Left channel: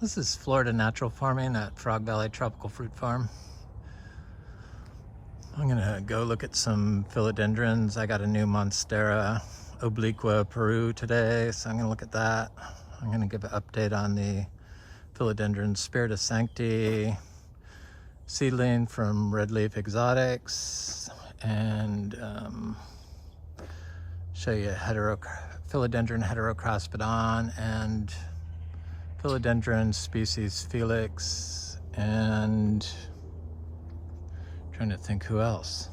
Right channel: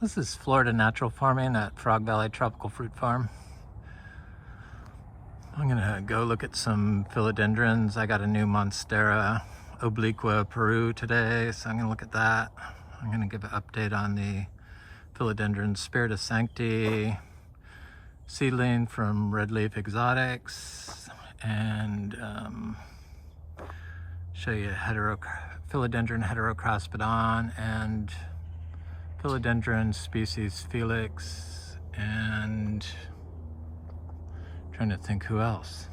This is Florida Natural Farming at Frog Valley Tropical Fruit Farm. I'm gonna go look at some philodendrons. I got a new Monstera obliqua Peru today, so I'm gonna look at that. I'm gonna give an update on the philodendron spiritu Sancti seedling from Red Leaf Exotics, and show you philodendron heterocraspedon and philodendron species Felix, and trying to think who else.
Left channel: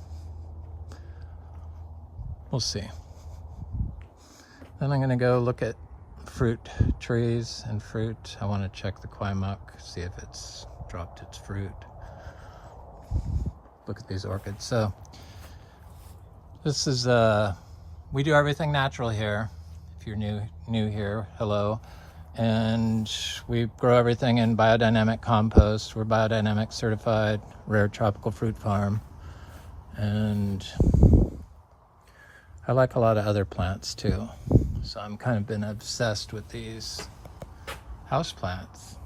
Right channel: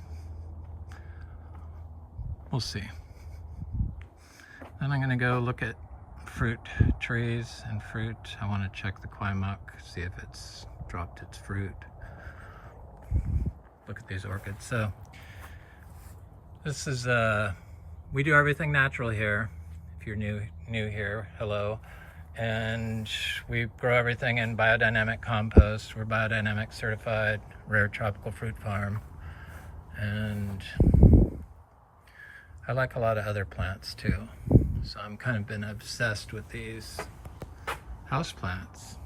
We'll see. Then I'm gonna go look at fruit trees and fruit. I want to check the Kwai Muk, see if it's dropped its fruit. Look at these orchids. So this is we do everything natural here. If you're new here, hello. And we grow everything in biodynamic compost. We're biodynamic certified, rare tropical fruit farm. And I like a lot of other plants too. So I'm kind of been obsessed with these house plants.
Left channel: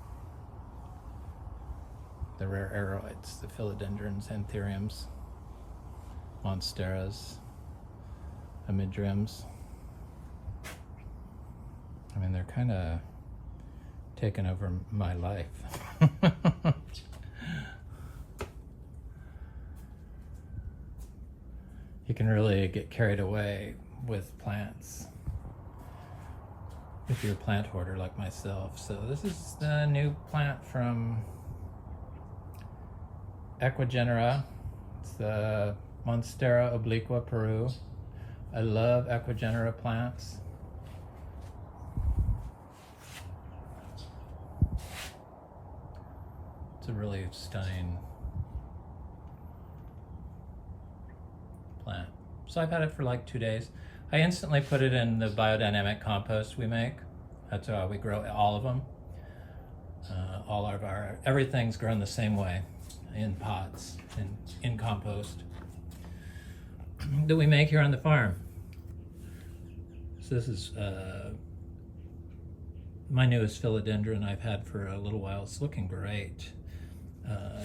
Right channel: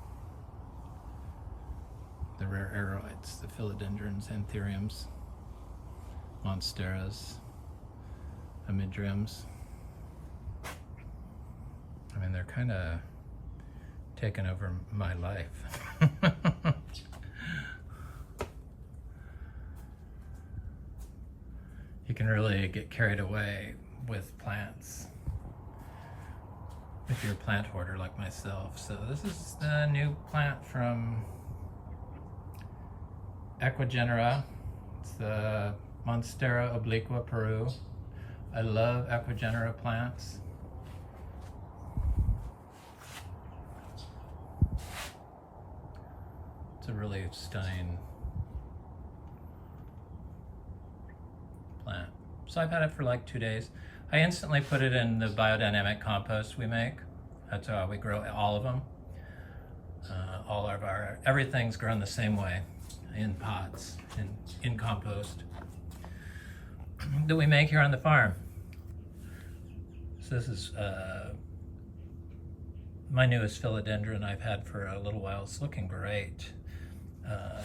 The rare aroids, the philodendrons, anthuriums, monsteras, amidriums. I mean, they're kind of taken over my life. You can really get carried away with plants if you're a plant hoarder like myself. So this is the new plant from Equigenera. It's the Monstera obliqua Peru. I love Equigenera plants. It's a really stunning plant. So I've had it for like 2 days. I instantly put it in the biodynamic compost we make. That's how we grow all of them. All of everything's grown the same way, in pots, in compost that we make here on the farm. So this is my newest philodendron I've had for a little while. It's looking great.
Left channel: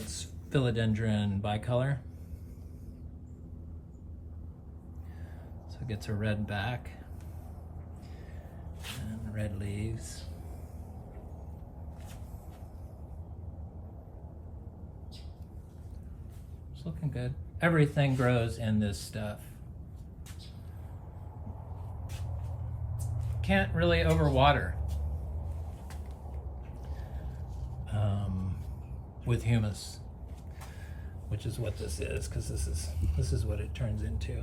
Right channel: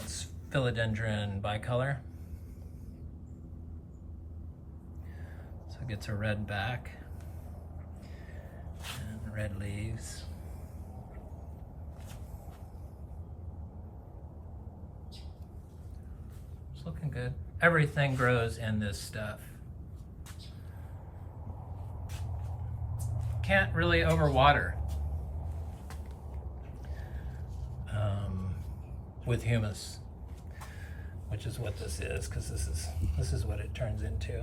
It's philodendron bicolor. So it gets a red back and red leaves. It's looking good. Everything grows in this stuff. Can't really overwater with humus, which is what this is, because this is what it turns into.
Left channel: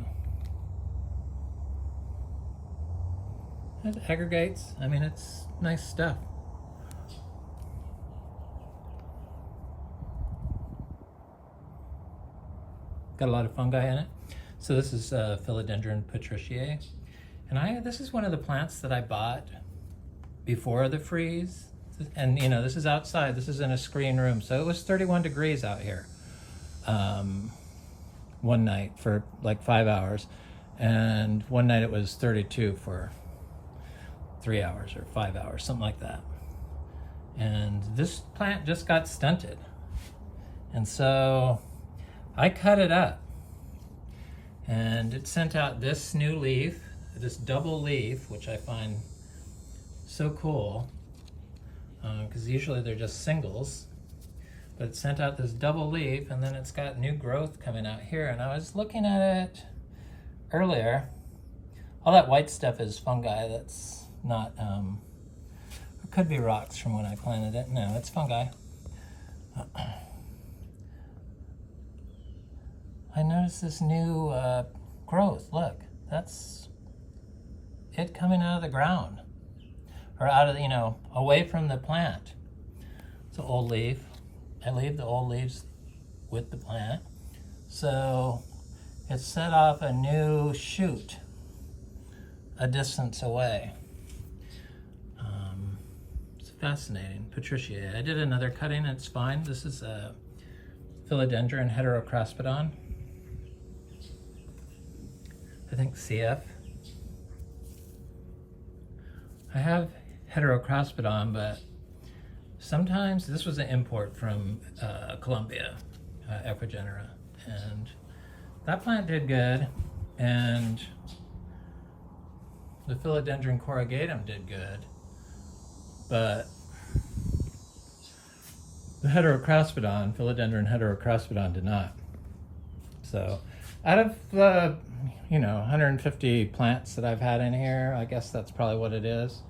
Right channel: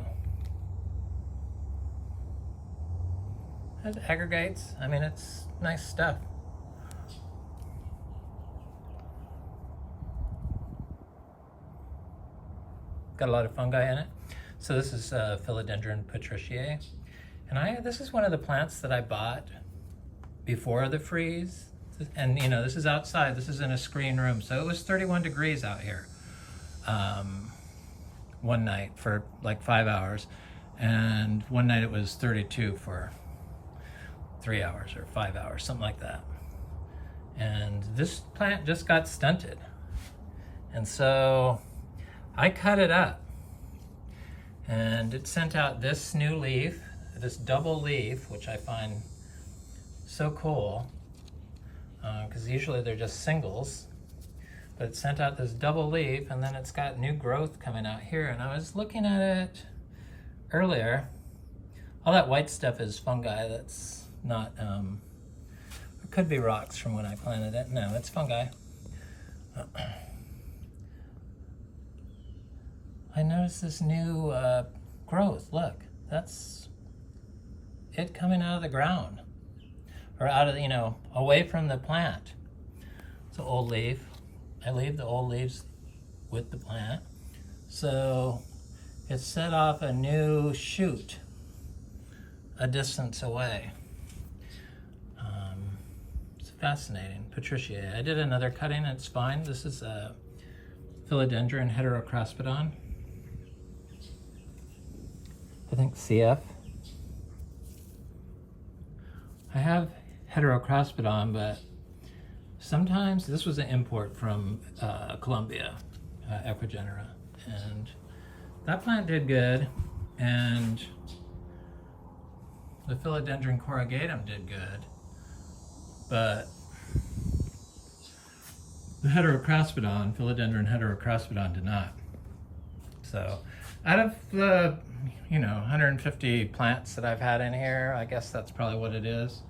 It aggregates. I mean, it's nice stuff. Got a lot of fungi in it. So this is Philodendron patriciae. And this is one of the plants that I bought before the freeze. And you know, this is outside, this is in a screen room. So it was 31 degrees out here one night for like 5 hours. And one night it was 32 for 3 hours or 5 hours, something like that. And this plant just got stunted. And so I cut it up and it sent out this new leaf, this double leaf, which I find so cool because usually they're just singles, but it sent out this double leaf, and then it's got new growth coming out here. And I was looking at it earlier. All that white stuff is fungi. That's not, it could be rocks from when I planted it. No, it's fungi. I noticed this new growth. Look, that's it coming out of the ground, or out of, you know, away from the plant. It's an old leaf. I leave the old leaves with the plant. So it set off a new shoot a distance away. It's fascinating. Patriciae. I did another cutting, it's fine. This is a Philodendron heterocraspedon. I think CF. I have heterocraspedon, but Sometimes, this was an import from Colombia, Equigenera, and that plant did good, and the Philodendron corrugatum did good, but the heterocraspedon, Philodendron heterocraspedon, did not. So out of the 150 plants that I've had in here, I guess that's probably what it is,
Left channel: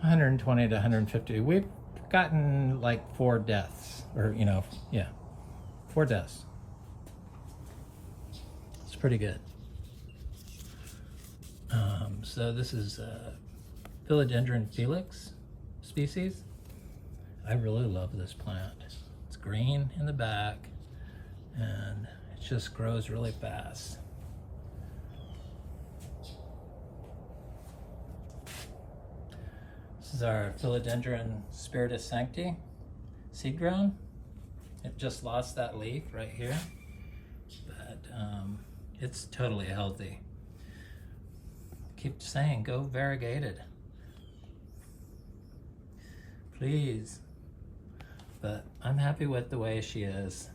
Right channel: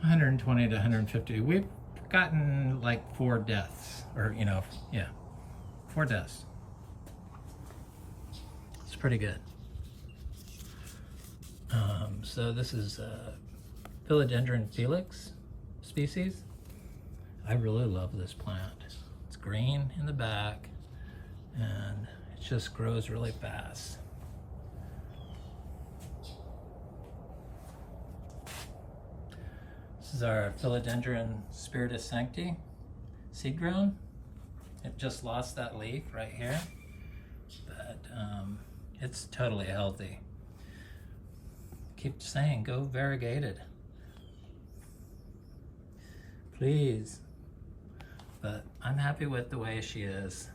120 to 150, we've gotten like 4 deaths, or 4 deaths. It's pretty good. So this is Philodendron Felix species. I really love this plant. It's green in the back and it just grows really fast. This is our Philodendron spiritu Sancti seed grown. It just lost that leaf right here, but it's totally healthy. Keep saying, go variegated, please. But I'm happy with the way she is,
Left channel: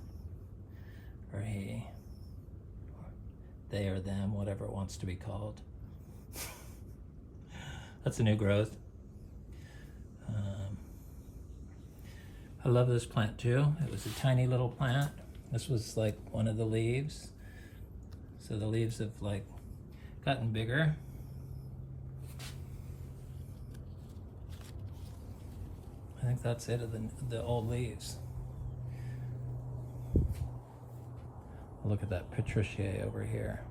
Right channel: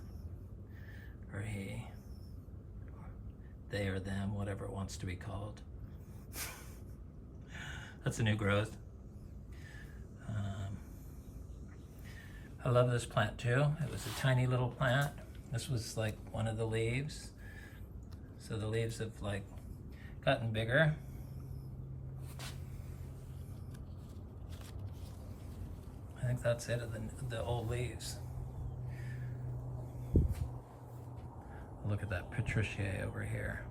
or he, they or them, whatever it wants to be called. That's a new growth. I love this plant too. It was a tiny little plant. This was like one of the leaves. So the leaves have like gotten bigger. I think that's it of the old leaves. Look at that patriciae over here.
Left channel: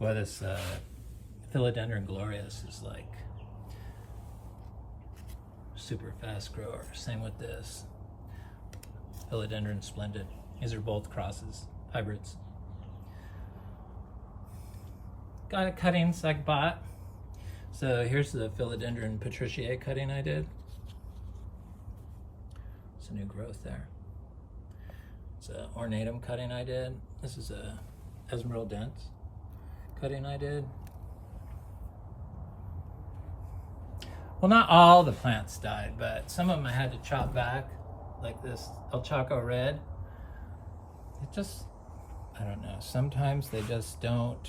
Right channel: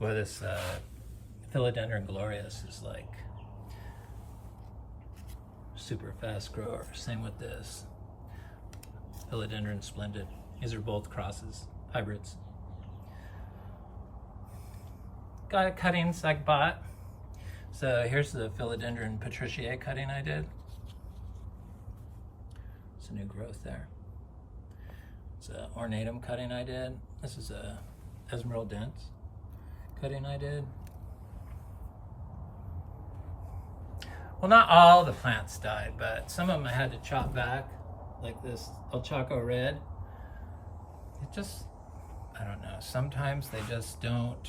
Boy, this Philodendron glorious is like super fast grower. Same with this Philodendron splendid. These are both crosses, hybrids. Got cuttings I bought. So here's the Philodendron patriciae cutting I did. It's a new growth there. It's an ornatum cutting I did. This is a emerald dense cutting I did. Well, not all the plants died, but some of them I had to chop back, like this El Chaco red. It just, I don't know, sometimes they just don't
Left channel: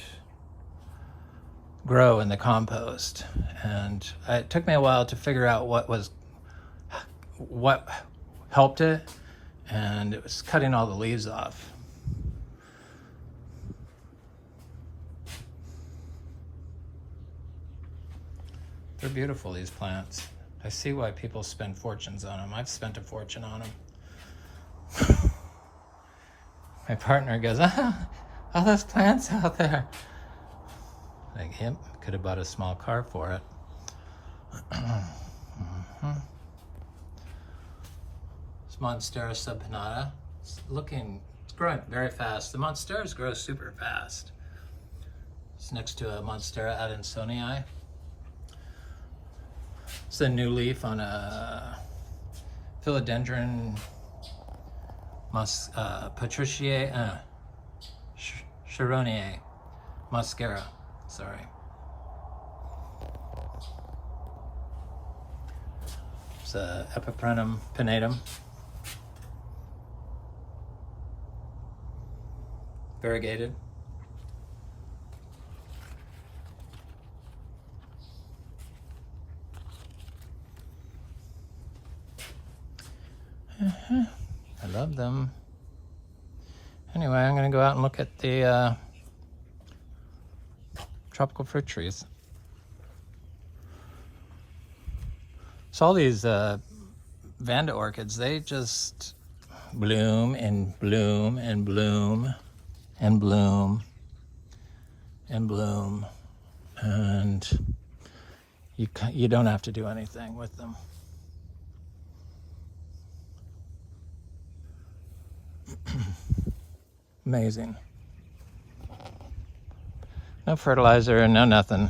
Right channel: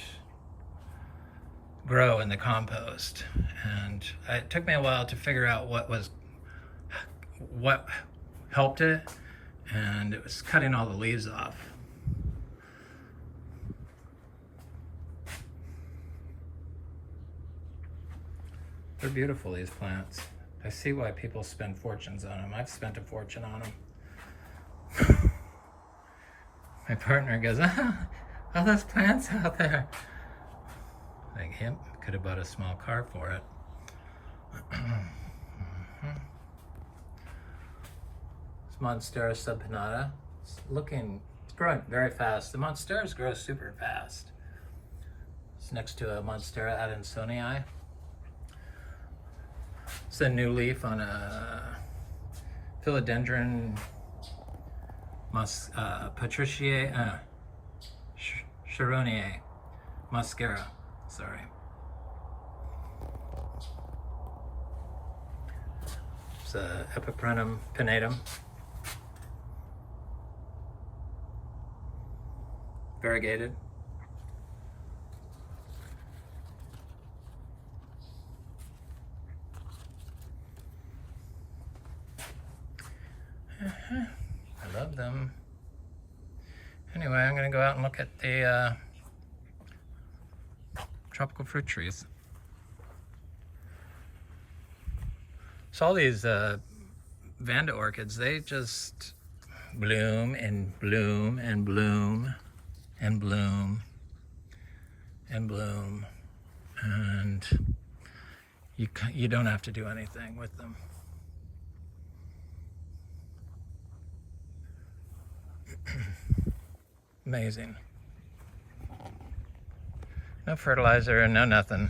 grow in the compost. And it took me a while to figure out what helped it, and it was cutting all the leaves off. They're beautiful, these plants. I see why people spend fortunes on them. I've spent a fortune on them. My partner goes, all those plants out there. Like him, could have bought a small car for it. It's Monstera subpinnata. It's growing very fast. The Monsteras grow super fast. It's next to a Monstera adansonii. It's a new leaf on a Philodendron patriciae, Charoniae, Monstera, sorry. It's a Epiprenum pinnatum. Variegated. I love them. Anyway, I'm going to go out and look at the tropical fruit trees. So all these Vanda orchids, they just bloom and bloom and bloom and bloom and bloom, and you don't have to do anything with them. Amazing. No fertilizer, no nothing.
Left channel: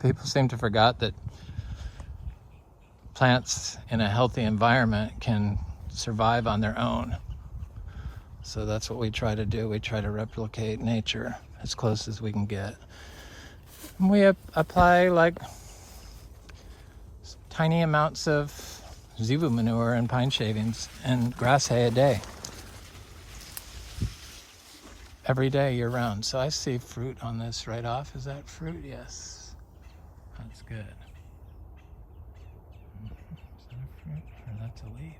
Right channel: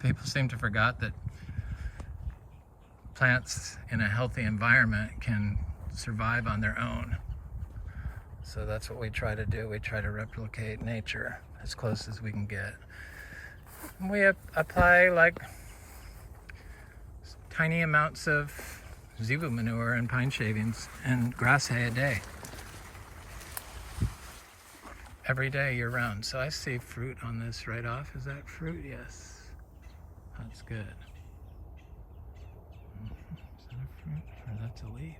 People seem to forget that plants in a healthy environment can survive on their own. So that's what we try to do. We try to replicate nature as close as we can get. And we apply like tiny amounts of Zebu manure and pine shavings and grass hay a day. Every day year round. So I see fruit on this right off. Is that fruit? Yes. That's good. Is that a fruit or that's a leaf?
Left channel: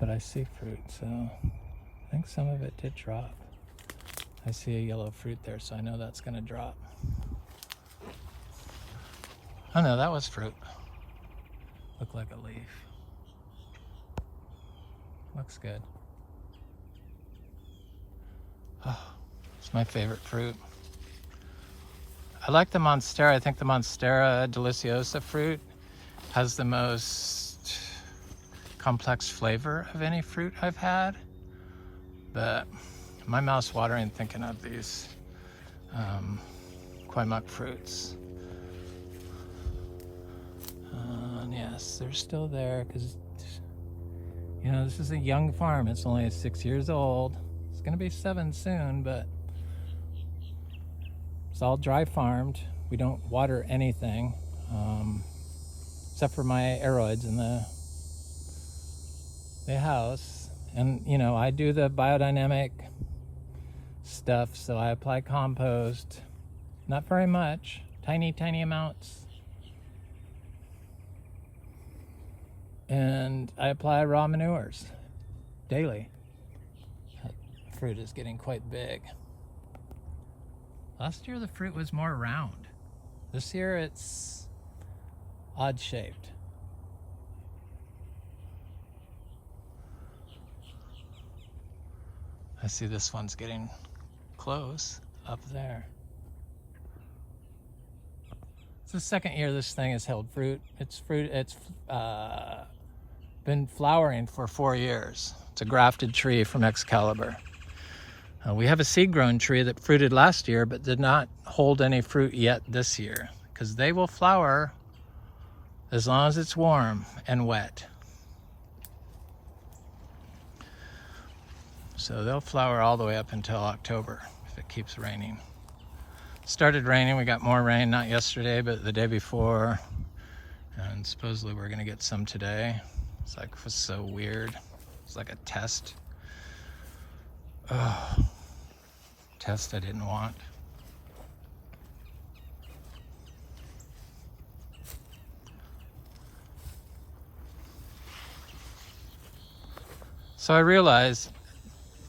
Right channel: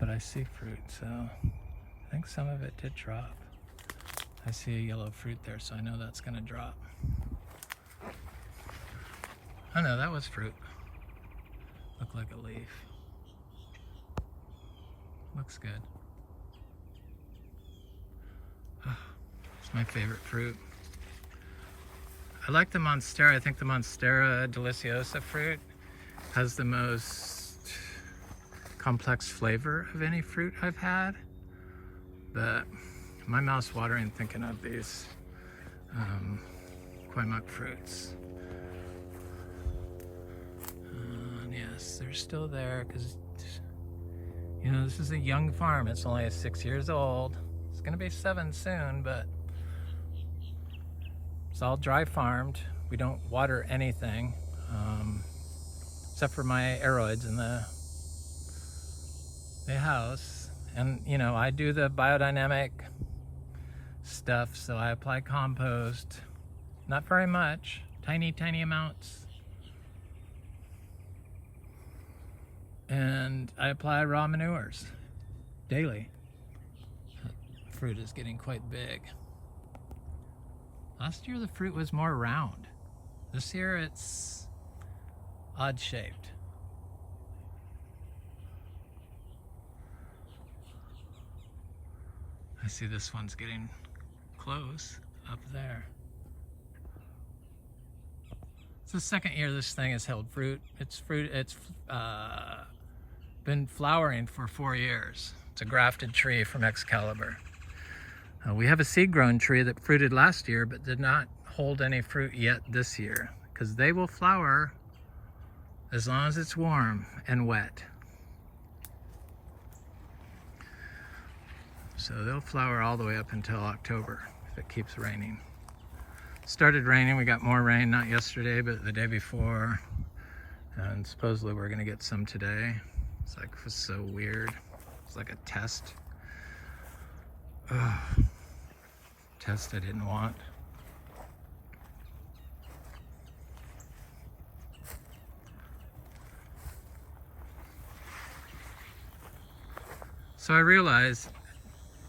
But I see fruit, so I think some of it did drop. I see a yellow fruit there, so I know that's gonna drop. Oh no, that was fruit. Looked like a leaf. Looks good. Oh, it's my favorite fruit. I like the Monstera. I think the Monstera deliciosa fruit has the most complex flavor of any fruit I've had. But my mouth's watering thinking of these Kwai Muk fruits. Yes, they're still there because, you know, this is a young farm. It's only 6 years old. It's gonna be 7 soon, but it's all dry farmed. We don't water anything except for my aroids in the house. And you know, I do the biodynamic stuff, so I apply compost. Not very much, tiny amounts. And I apply raw manures daily. That fruit is getting quite big. Last year the fruit was more round. This year it's odd shaped. I see this one's getting close up there. It's the second year this thing has held fruit. It's been flowering for 4 years. It's a grafted tree from Excalibur. We have a seed-grown tree that fruited last year but did not hold any fruit yet this year, because they will flower as long as it's warm and wet. So they'll flower all the way up until October if it keeps raining. Started raining, we got more rain, not yesterday, but the day before. And supposedly we're gonna get some today. It's like, it was so weird. It's like a test. Oh, test I didn't want. So I realized,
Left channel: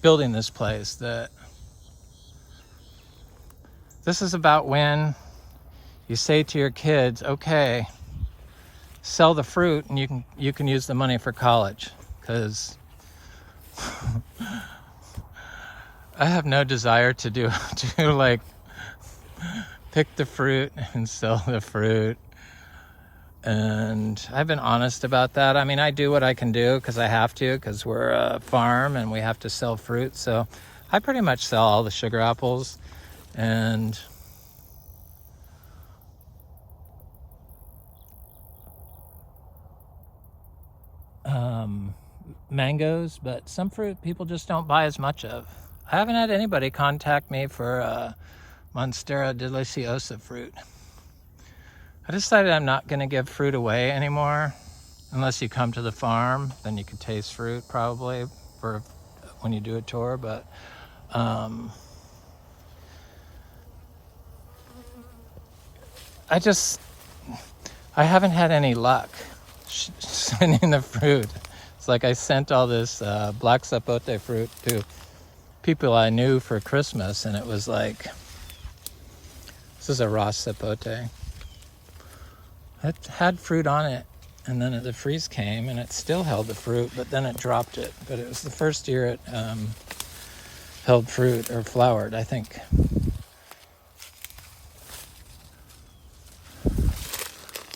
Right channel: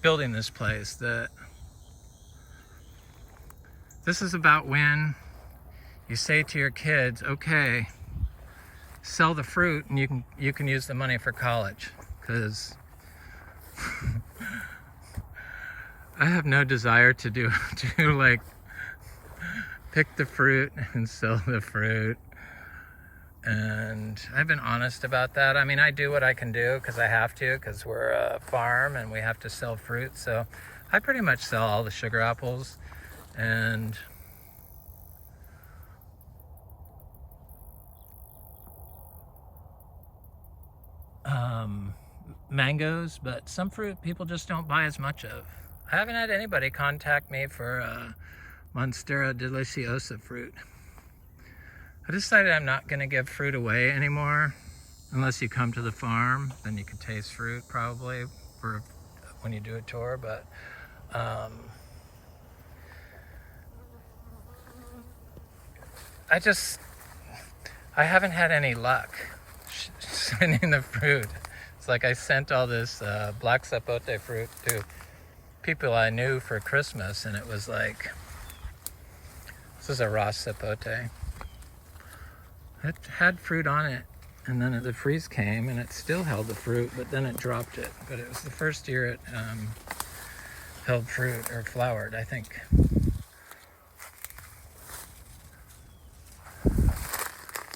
building this place, that this is about when you say to your kids, okay, sell the fruit and you can use the money for college, because I have no desire to like pick the fruit and sell the fruit. And I've been honest about that. I mean, I do what I can do because I have to, because we're a farm and we have to sell fruit. So I pretty much sell all the sugar apples and mangoes, but some fruit people just don't buy as much of. I haven't had anybody contact me for Monstera deliciosa fruit. I decided I'm not going to give fruit away anymore unless you come to the farm. Then you can taste fruit probably for when you do a tour, but I haven't had any luck sending the fruit. It's like I sent all this black sapote fruit to people I knew for Christmas, and it was like, this is a raw sapote. It had fruit on it, and then the freeze came and it still held the fruit, but then it dropped it. But it was the first year it held fruit or flowered, I think.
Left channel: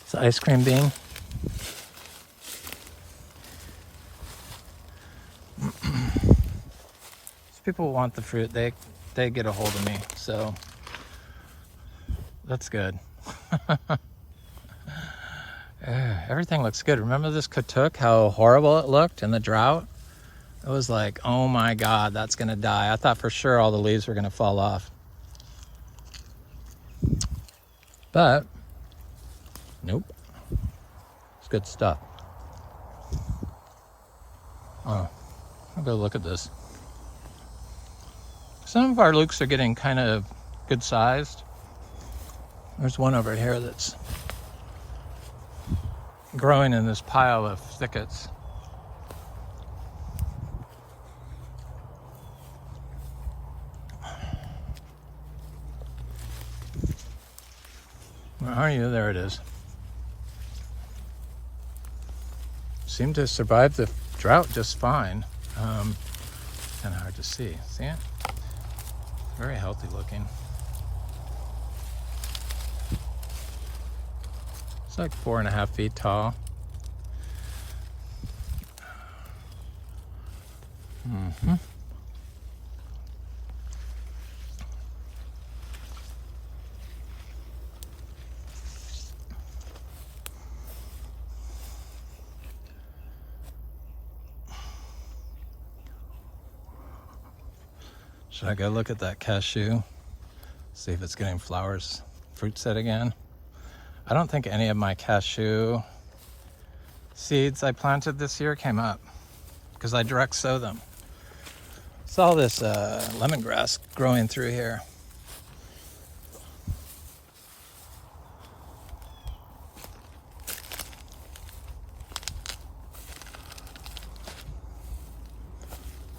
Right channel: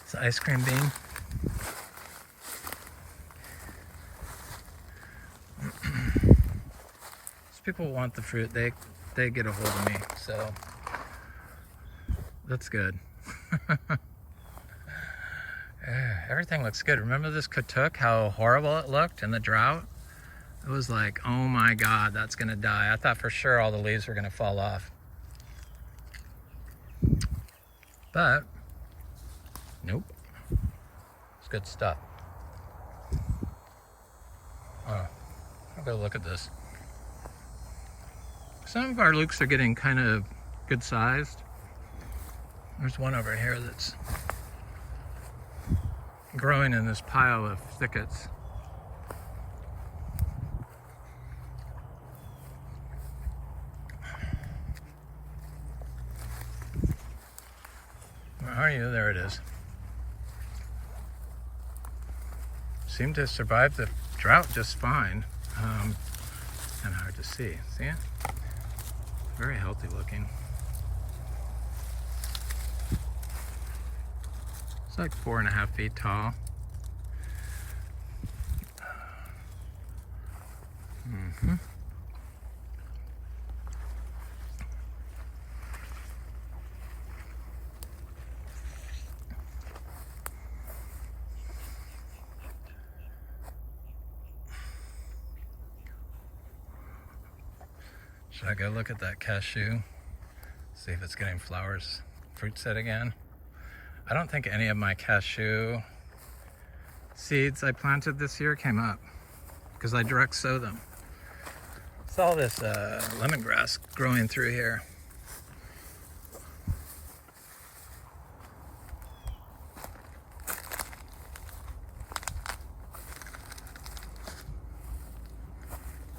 It's an ice cream bean. If people want the fruit, they get a hold of me, so that's good. Everything looks good. Remember this katuk, how horrible it looked in the drought? It was like, oh my God, that's gonna die. I thought for sure all the leaves were gonna fall off. But, nope. It's good stuff. Oh, I'll go look at this. Some of our lukes are getting kind of good sized. There's one over here that's growing in this pile of thickets. Where are you? There it is. Seemed to survive the drought just fine. Kind of hard to see. See it? Very healthy looking. It's like 4.5 feet tall. Mm-hmm. Should I go look at that cashew? See if it's getting flowers, fruit set again? I don't think any of my cashew seeds I planted this year came up because I direct sow them. Saw this lemongrass growing through here.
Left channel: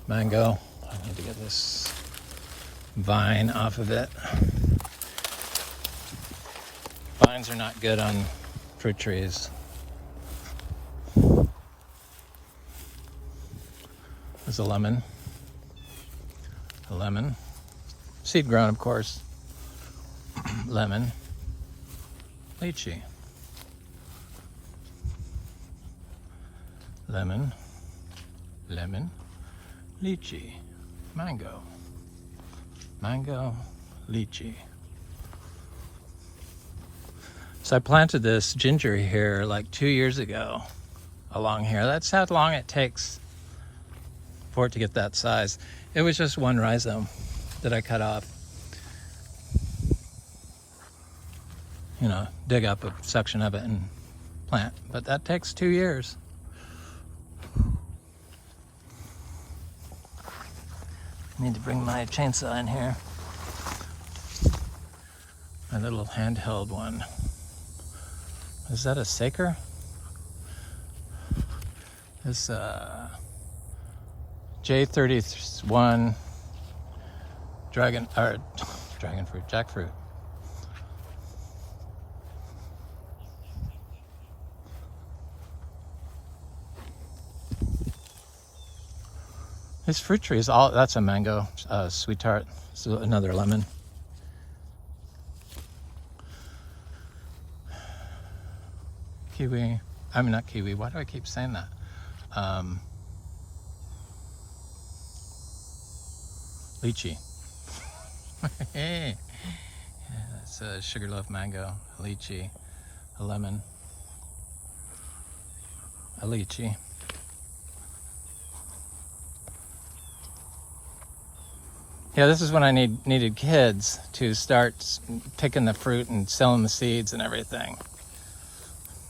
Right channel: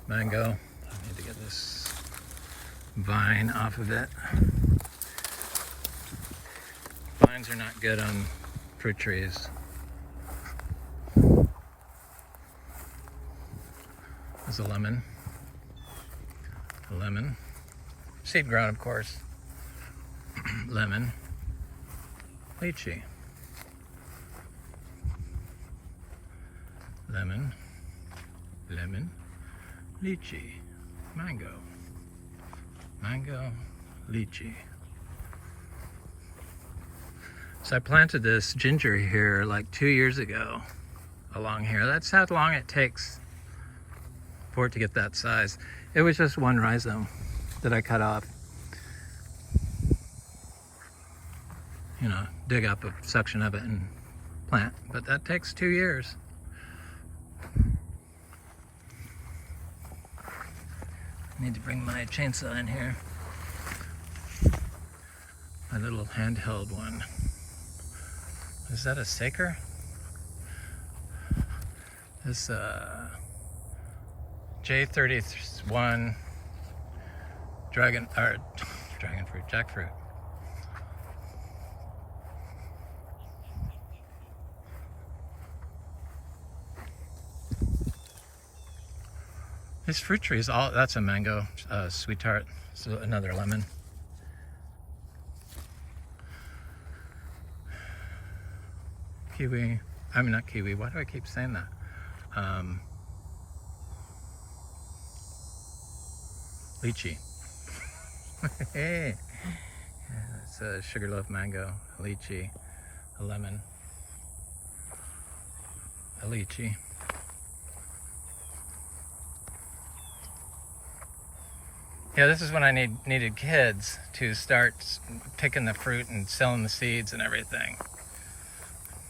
Mango. I need to get this vine off of it. Vines are not good on fruit trees. There's a lemon. A lemon. Seed grown, of course. Lemon. Lychee. Lemon. Lemon. Lychee. Mango. Mango. Lychee. So I planted this ginger here like 2 years ago along here. That's how long it takes for it to get that size. It was just one rhizome that I cut off. You know, dig up a section of it and plant. But that takes 2 years. I need to bring my chainsaw in here. My little handheld one. Is that a saker? This J31 dragon fruit, jackfruit. This fruit tree is all, that's a mango, sweet tart. This is another lemon. Kiwi, I mean not kiwi, why do I keep saying that? Lychee. Hey, yeah, that's a sugarloaf mango, a lychee, a lemon, a lychee. Yeah, this is when I needed kids to start picking the fruit and selling the seeds and everything.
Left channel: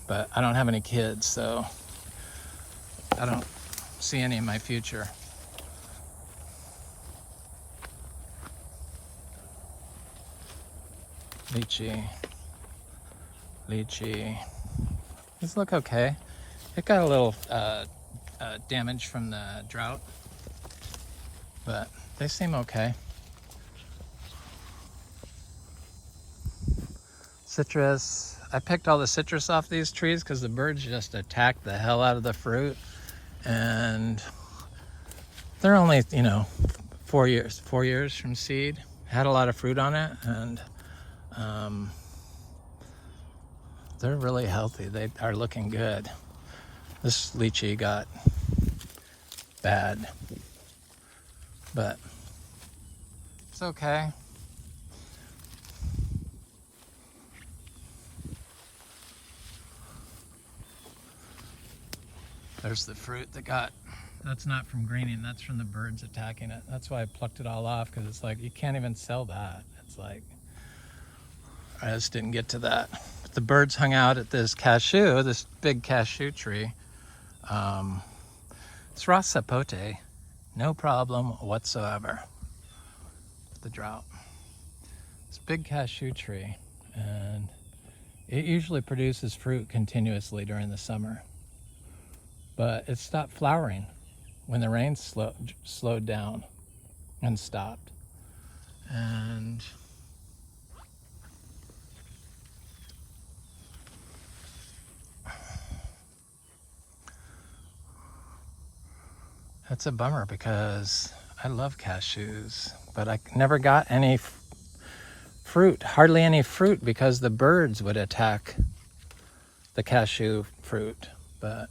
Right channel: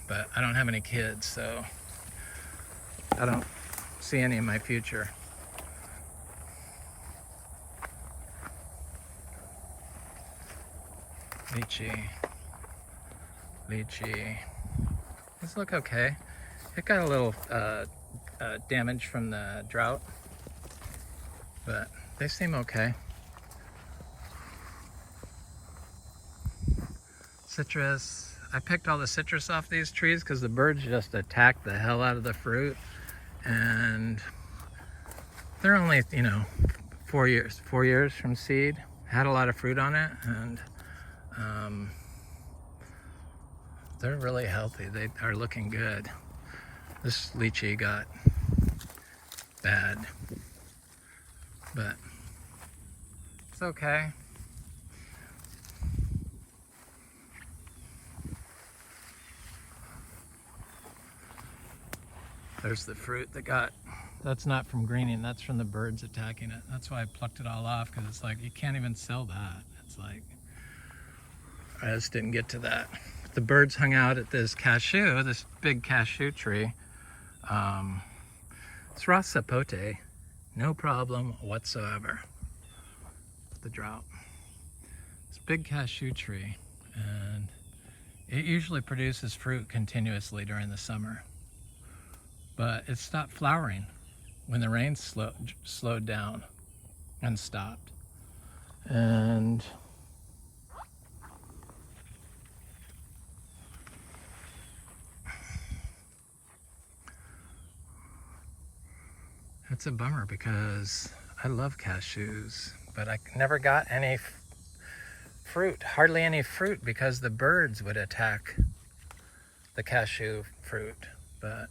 But I don't have any kids, so I don't see any in my future. Lychee. Lychee. These look okay. It got a little damage from the drought, but they seem okay. Citrus. I picked all the citrus off these trees because the birds just attacked the hell out of the fruit. And they're only, you know, 4 years from seed. Had a lot of fruit on it, and they're really healthy. They are looking good. This lychee got bad, but it's okay. There's the fruit that got That's not from greening, that's from the birds attacking it. That's why I plucked it all off, because it's like, you can't even sell that. It's like, I just didn't get to that. But the birds hung out at this cashew, this big cashew tree. It's raw sapote, no problem whatsoever. The drought. It's a big cashew tree, and it usually produces fruit continuously during the summer. But it stopped flowering when the rain slowed down and stopped. And that's a bummer, because I love cashews, but I never got any fruit, hardly any fruit, because the birds would attack the cashew fruit. But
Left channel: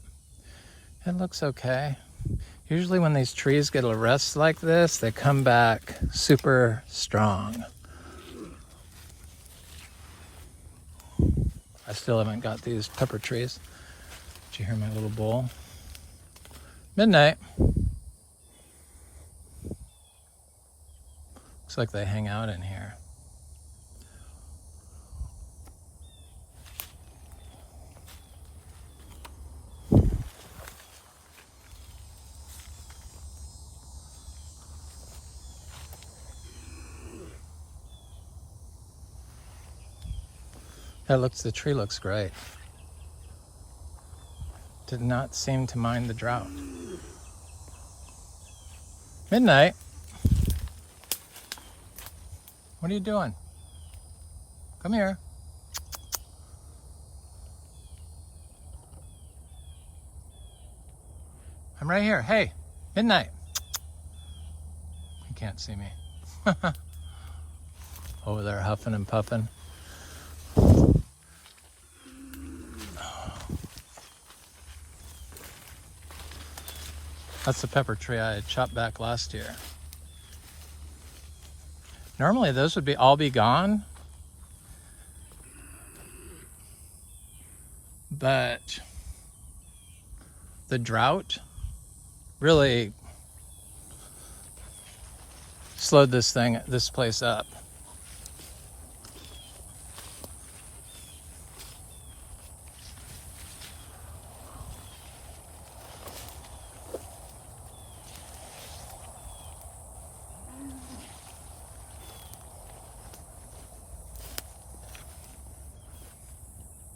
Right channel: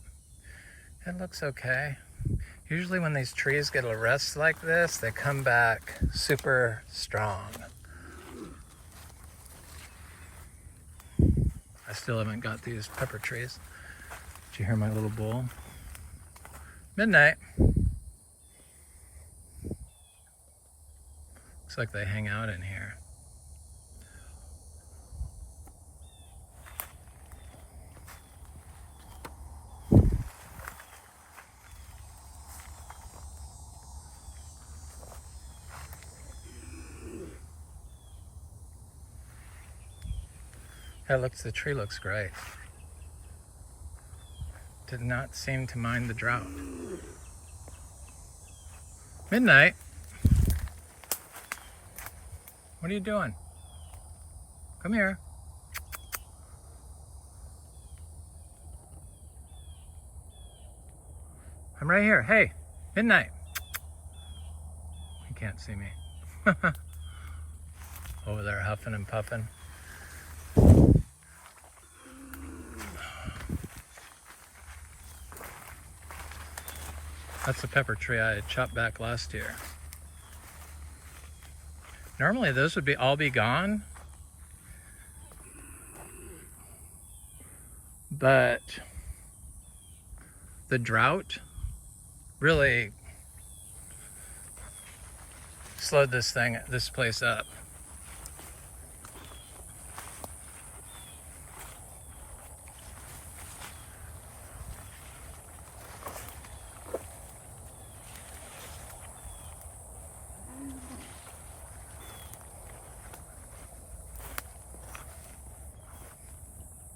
it looks okay. Usually when these trees get a rest like this, they come back super strong. I still haven't got these pepper trees. Did you hear my little bowl? Midnight. Looks like they hang out in here. The tree looks great. Did not seem to mind the drought. Midnight. What are you doing? Come here. I'm right here. Hey, Midnight. You can't see me. Over there huffing and puffing. That's the pepper tree I chopped back last year. Normally those would all be gone, but the drought really slowed this place up.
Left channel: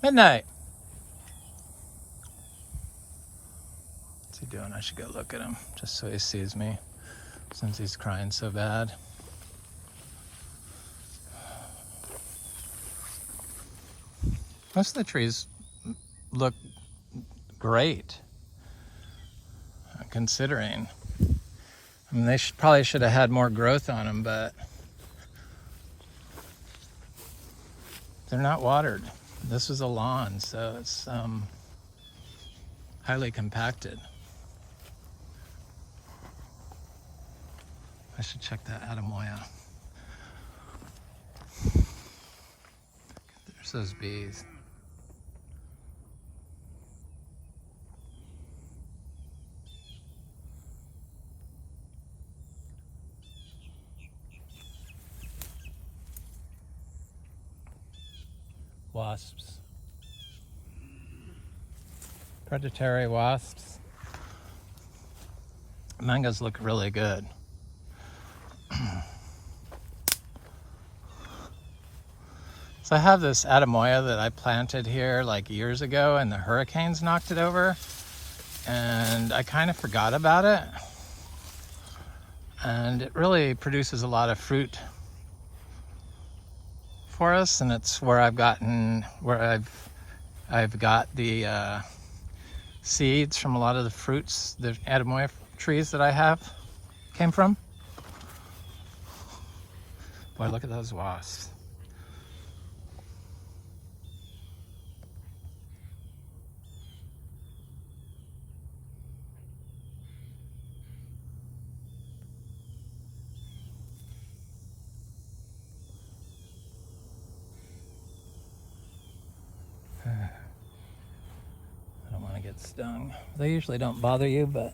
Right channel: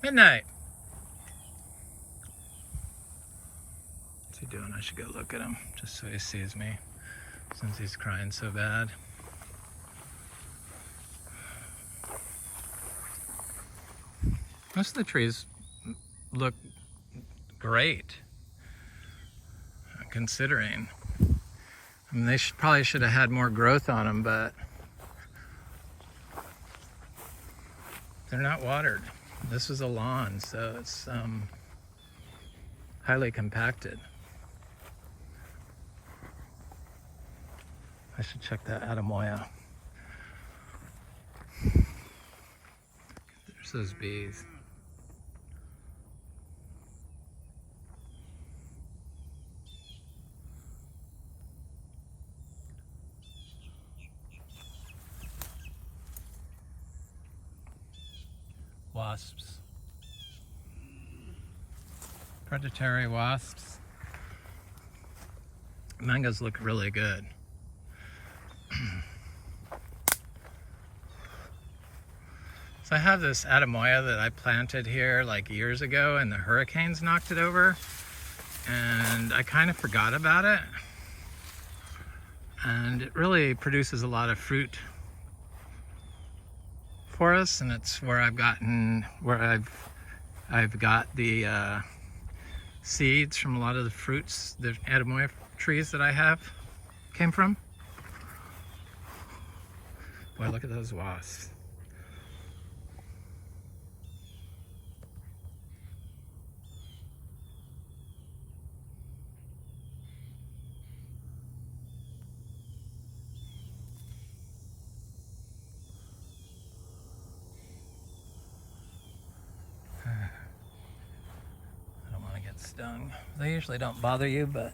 Midnight. What's he doing? I should go look at him just so he sees me, since he's crying so bad. Most of the trees look great, considering. I mean, they probably should have had more growth on them, but they're not watered. This is a lawn, so it's highly compacted. I should check that Adamoya. There's those bees. Wasps. Predatory wasps. Mangoes look really good. So I have this Adamoya that I planted here like years ago, and the hurricanes knocked it over, and I kind of forgot about it. And it really produces a lot of fruit for us, and it's where I've got the seeds from a lot of the fruits the Adamoya trees that I have came from. Boy, look at those wasps. I don't want to get stung. They usually don't bother you, but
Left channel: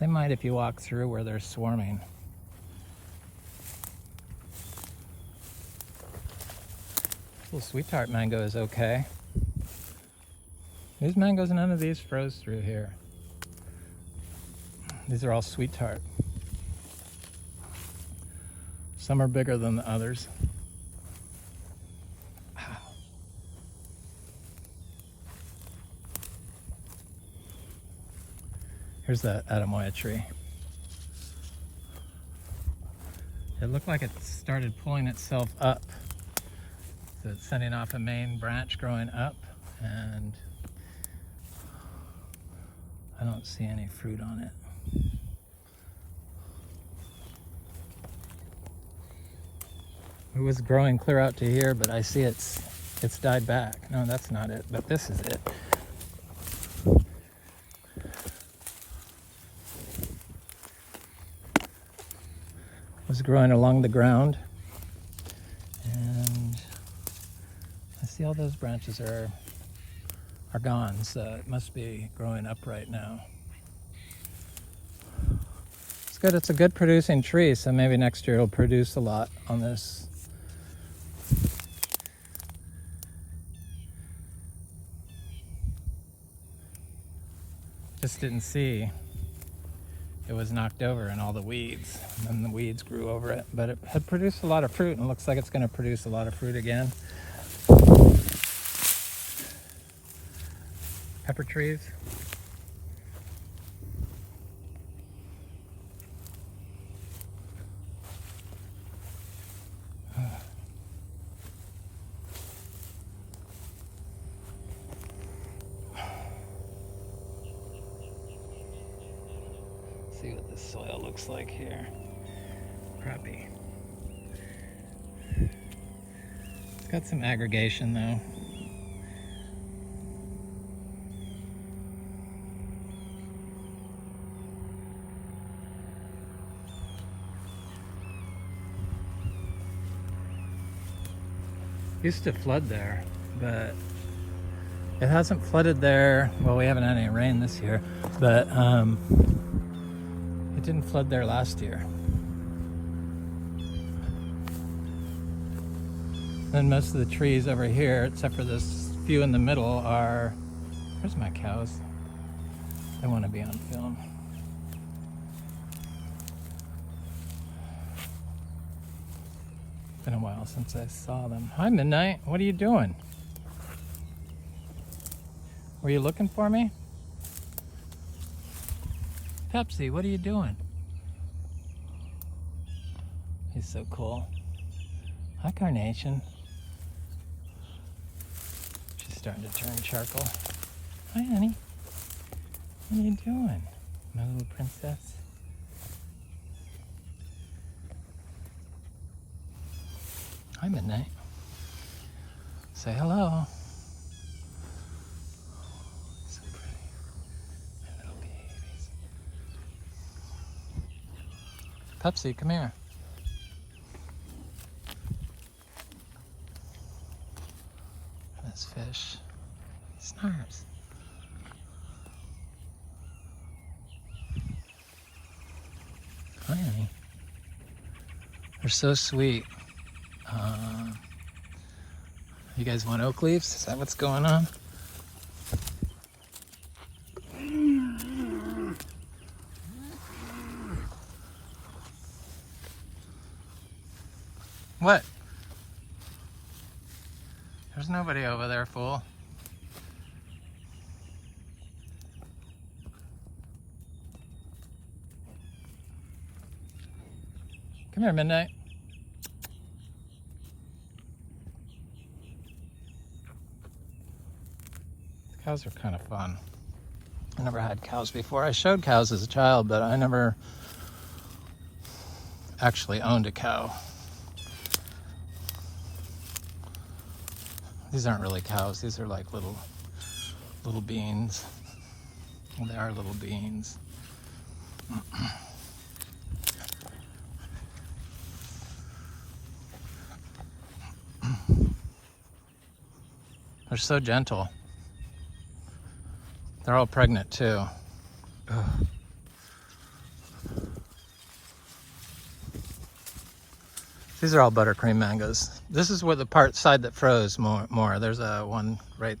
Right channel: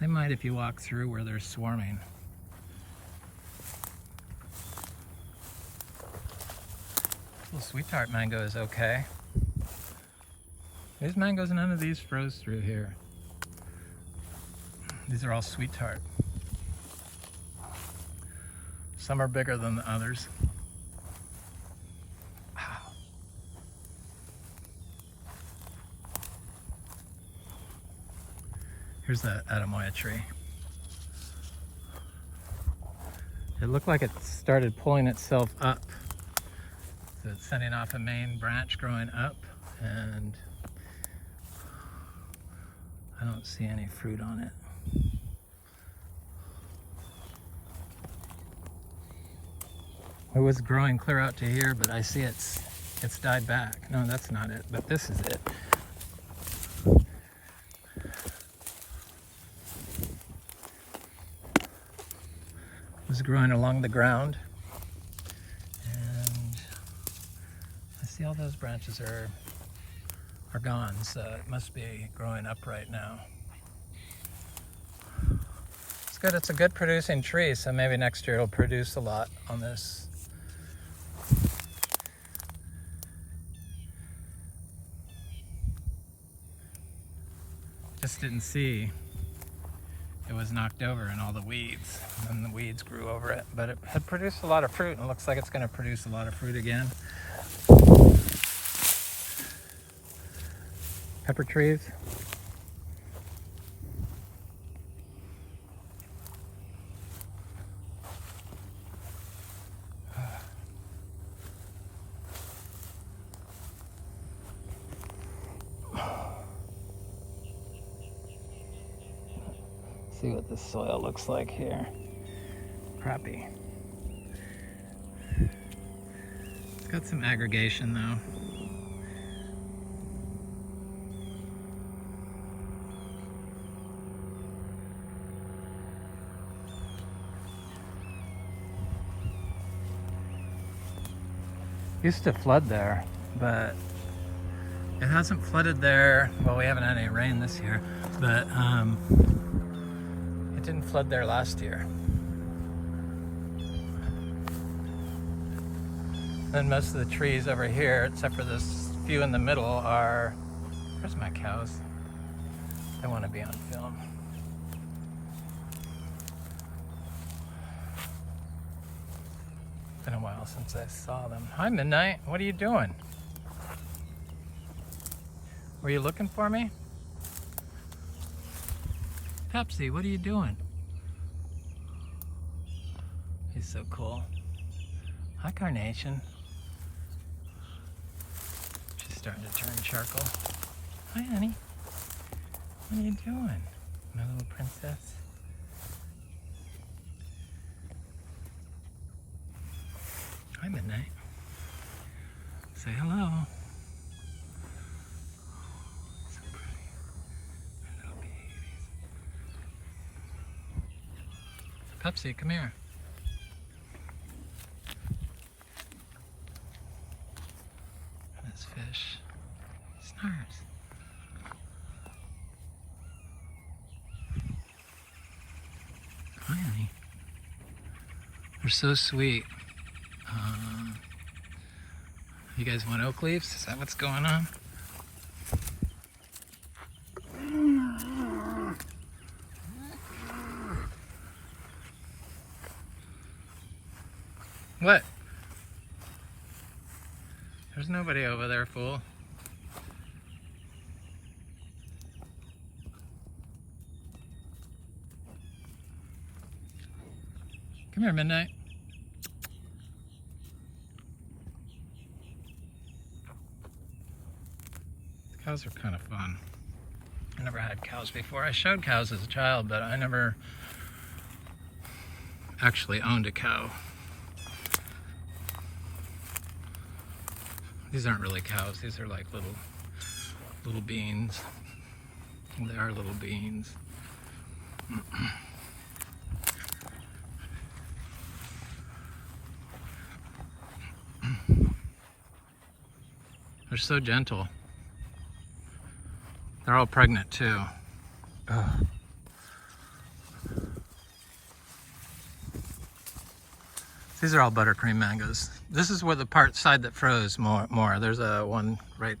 They might if you walk through where they're swarming. Little sweet tart mango is okay. These mangoes, none of these froze through here. These are all sweet tart. Some are bigger than the others. Wow. Here's that Aromoya tree. It looked like it started pulling itself up. So it's sending off a main branch growing up, and I don't see any fruit on it. It was growing clear out to here, but I see it's died back. No, that's not it, but this is it. It was growing along the ground, and I see all those branches are gone, so it must be growing upright now. It's good, it's a good producing tree, so maybe next year it'll produce a lot on this. Just didn't see it was knocked over and all the weeds, and the weeds grew over it, but it had produced a lot of fruit, and it looks like it's going to produce a lot of fruit again. Pepper trees. See what the soil looks like here. Crappy. It's got some aggregation though. Used to flood there, but it hasn't flooded there. Well, we haven't had any rain this year, but it didn't flood there last year. Then most of the trees over here, except for this few in the middle, are... Where's my cows? They want to be on film. Been a while since I saw them. Hi, Midnight. What are you doing? Were you looking for me? Pepsi, what are you doing? He's so cool. Hi, Carnation. She's starting to turn charcoal. Hi, honey. What are you doing, my little princess? Hi, Midnight. Say hello. So pretty. My little babies. Pepsi, come here. This fish snarls. Hi, honey. They're so sweet. You guys want oak leaves? Is that what's going on? What? There's nobody over there, fool. Come here, Midnight. Cows are kind of fun. I never had cows before. I showed cows as a child, but I never actually owned a cow. These aren't really cows. These are like little beans. They are little beans. They're so gentle. They're all pregnant too. Ugh. These are all buttercream mangoes. This is where the side that froze more. There's a one right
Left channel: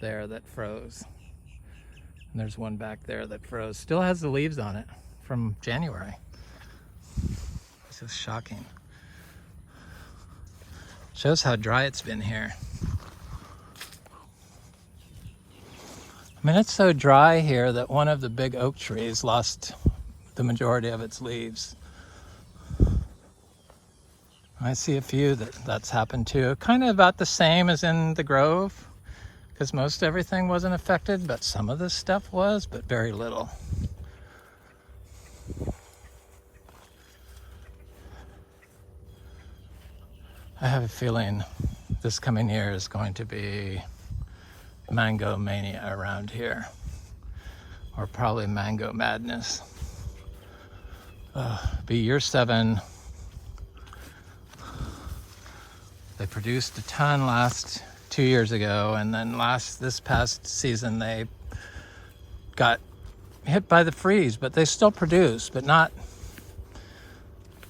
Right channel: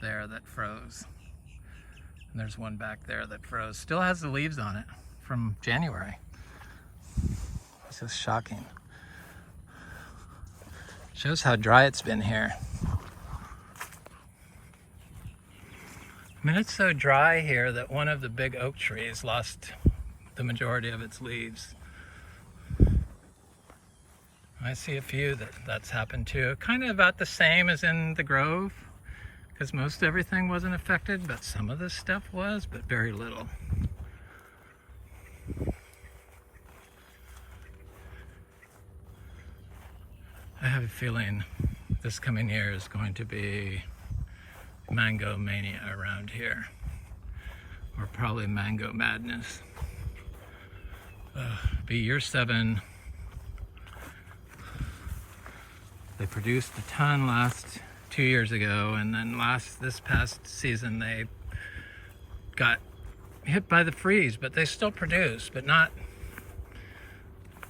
there that froze. And there's one back there that froze. Still has the leaves on it from January. It's just shocking. Shows how dry it's been here. I mean, it's so dry here that one of the big oak trees lost the majority of its leaves. I see a few that's happened to. Kind of about the same as in the grove, because most everything wasn't affected, but some of this stuff was, but very little. I have a feeling this coming year is going to be mango mania around here, or probably mango madness. Be year 7. They produced a ton last 2 years ago, and then this past season they got hit by the freeze, but they still produce, but not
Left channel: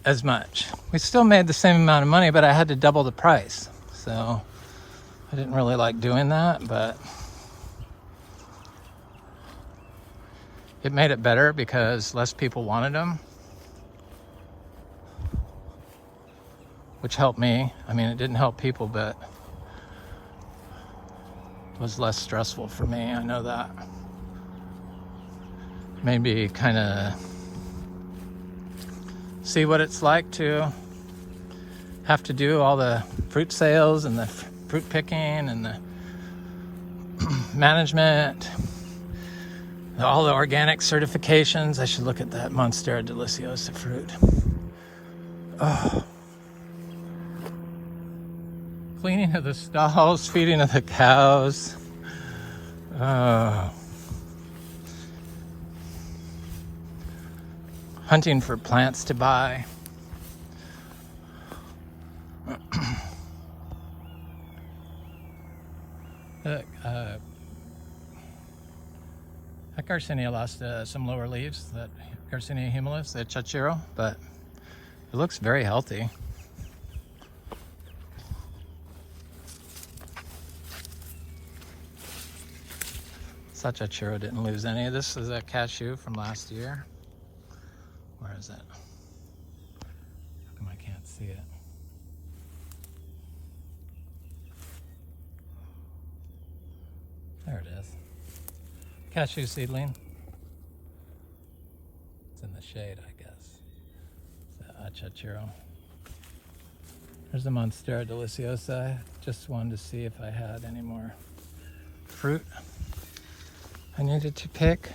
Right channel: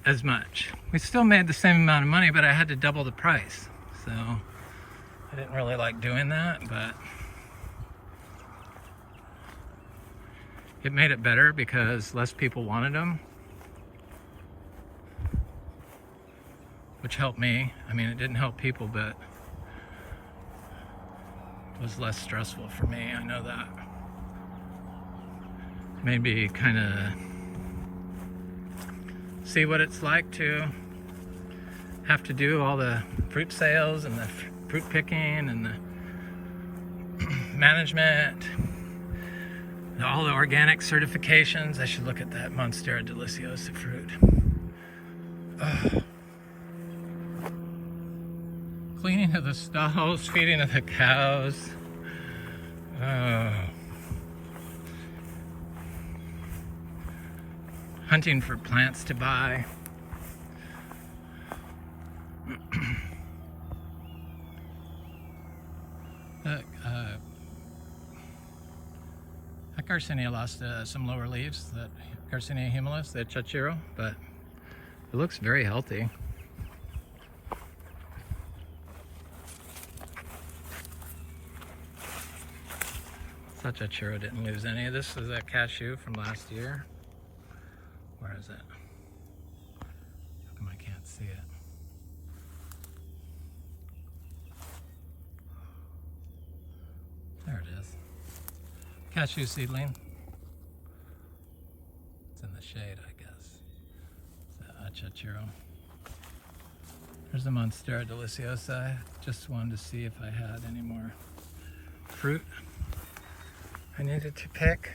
as much. We still made the same amount of money, but I had to double the price. So I didn't really like doing that, but it made it better because less people wanted them, which helped me. I mean, it didn't help people, but it was less stressful for me. I know that. Maybe kind of see what it's like to have to do all the fruit sales and the fruit picking and the management, all the organic certifications. I should look at that Monstera deliciosa fruit. Oh. Cleaning of the stalls, feeding of the cows. Hunting for plants to buy. That Garcinia lost some lower leaves, that Garcinia humilis, that chachiro, but it looks very healthy. Chachiro didn't lose any. This is a cashew from last year. Where is it? How come I can't see it? There it is. Cashew seedling. It's in the shade, I guess. It's a chachiro. There's the Monstera deliciosa. Just wanted to see if I had any more fruit I needed to pick.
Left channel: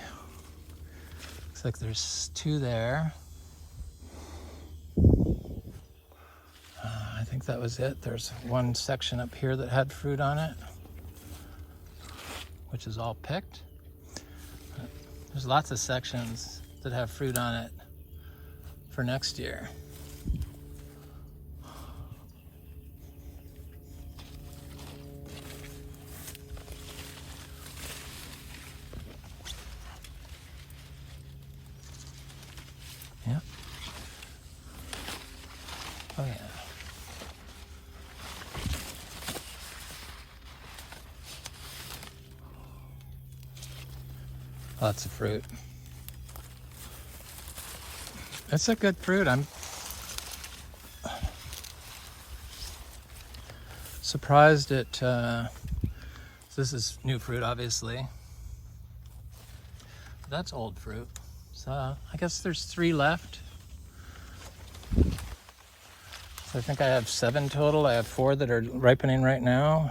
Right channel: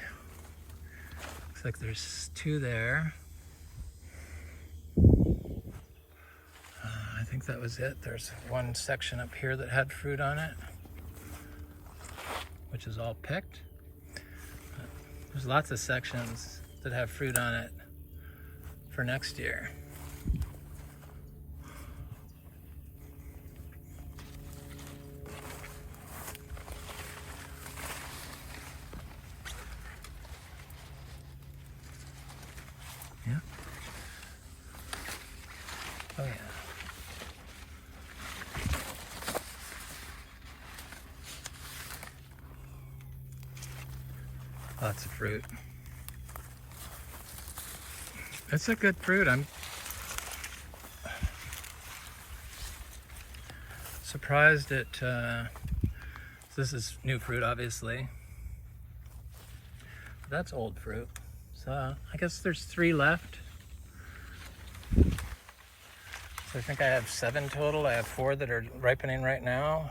Looks like there's 2 there. I think that was it. There's one section up here that had fruit on it, which is all picked. There's lots of sections that have fruit on it for next year. Yeah. Oh yeah. Lots of fruit. It's a good fruit. I'm surprised at, this is new fruit obviously. But that's old fruit. So I guess there's 3 left. So I think I have 7 total. I have 4 that are ripening right now.